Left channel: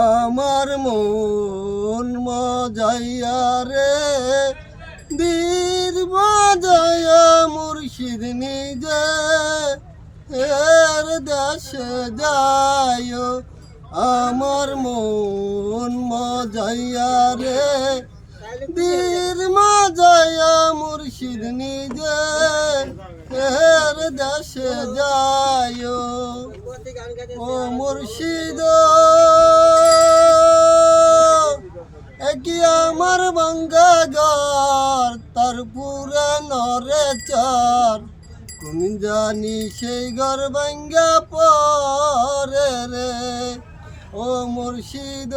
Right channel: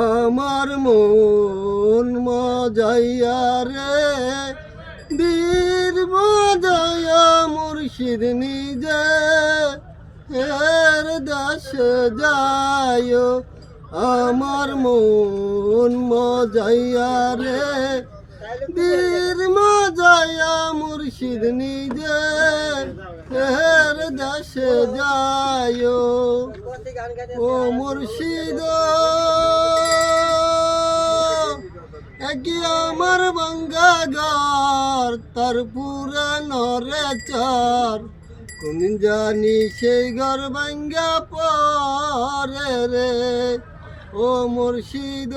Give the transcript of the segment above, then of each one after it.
আমার মন মজাইয়া রে বীর মজাইয়া মুর্শিদ নিজে এর দাস যায় আমার মন মজাইয়া রে বীর মজাইয়া মুর্শিদ নিজে এর দাস যায় ও মুর্শিদ কি আমার ভাঙ্গা ঘর তার পুরে নরে চার কোন জানি সেই ঘর ভাঙ্গা পরে রে ও মুর্শিদ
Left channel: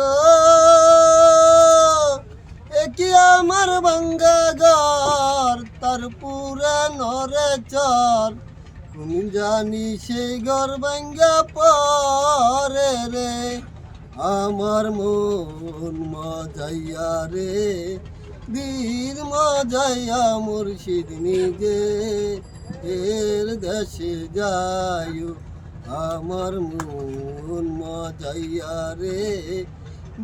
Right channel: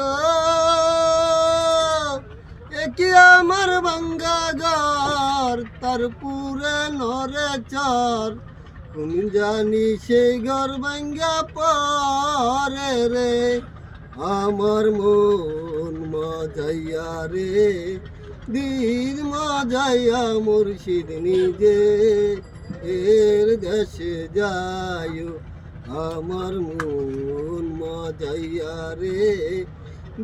কি আমার ভাঙ্গা ঘর তার পুরে নরে চার কোন জানি সেই ঘর ভাঙ্গা পরে রে আমার মন মজাইয়া রে বীর মজাইয়া মুর্শিদ নিজে এর দেশে যায় আমার মন মজাইয়া রে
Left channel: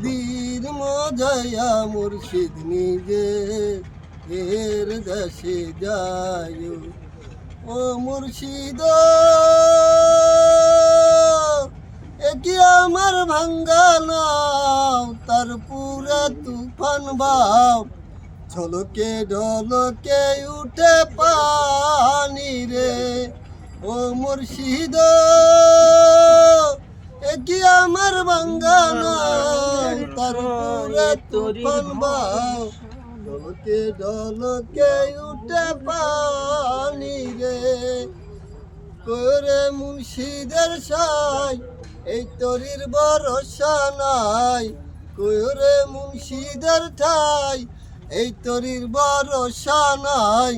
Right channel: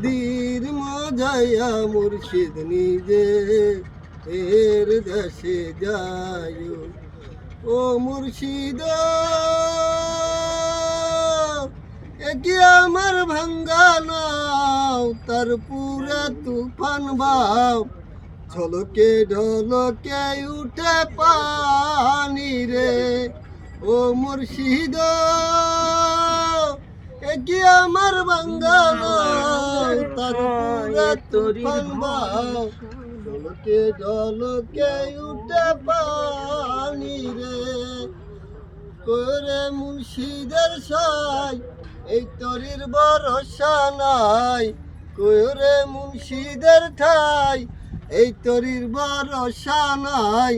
বীর মজাইয়া মুর্শিদ নিজে এর দেশে যায় ও মুর্শিদ কি আমার ভাঙ্গা নাও তার পুরে তুফান বাও ঝলকে ঢলকে উঠে পানি রে ও মুর্শিদ কি আমার ভাঙ্গা নাও তার পুরে তুফান বাও ঝলকে ঢলকে উঠে পানি রে করে মুর্শিদের সাই এই তরির ভরসা নাই কইরে মুর্শিদের ঠাই এই তরির ভরসা নাই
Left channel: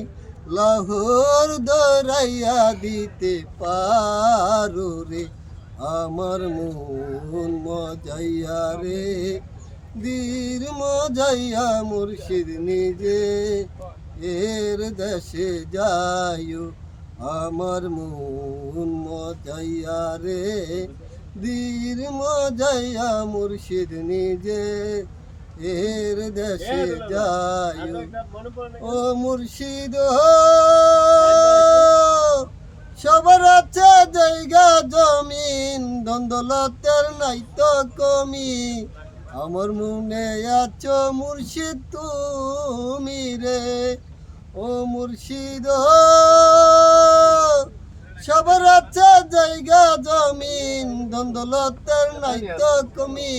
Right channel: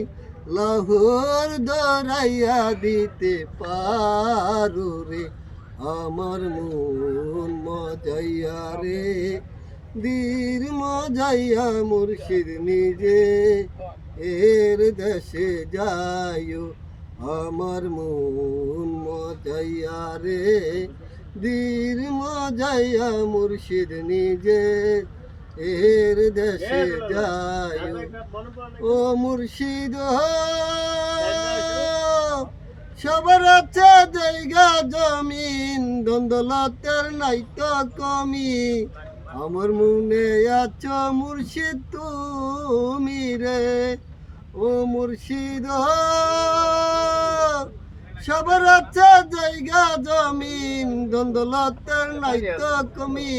লাহোর দরাইয়া দিতে পারো রে আমার মন মজাইয়া রে বীর মজাইয়া মুর্শিদ নিজে এর দেশে যায় আমার মন মজাইয়া রে বীর মজাইয়া মুর্শিদ নিজে এর দেশে যায় ও মুর্শিদ সবার আছে জায়গা জমিন দ্বন্দ্বলতের নাই তো কমি আমার মনে আছো মুর্শিদ তুমি রে ও মুর্শিদ সবার আছে জায়গা জমিন দ্বন্দ্বলতের নাই তো কমি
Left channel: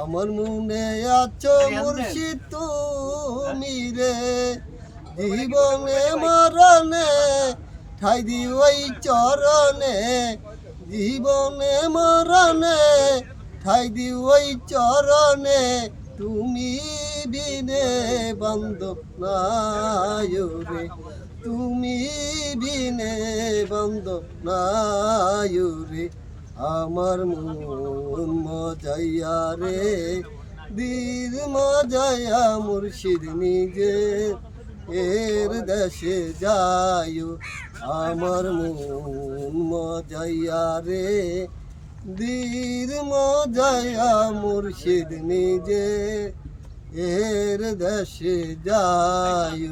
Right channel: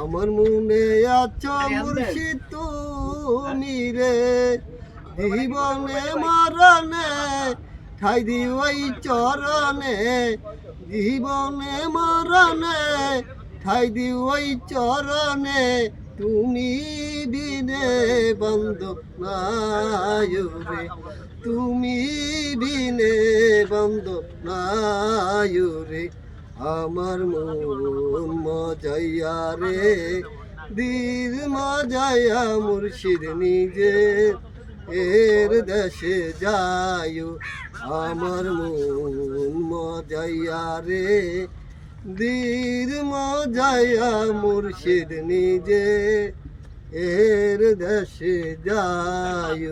আমার মনে আছো মুর্শিদ তুমি রে জীবনে মরণে ঠাই দি ওই চরণে জীবনে মরণে ঠাই দি ওই চরণে তুমি বিনে বান্ধব নাই রে তুমি বিনে বান্ধব নাই রে আমার মন মজাইয়া রে বীর মজাইয়া মুর্শিদ নিজে এর দেশে যায় আমার মন মজাইয়া রে বীর মজাইয়া মুর্শিদ নিজে এর দেশে যায়।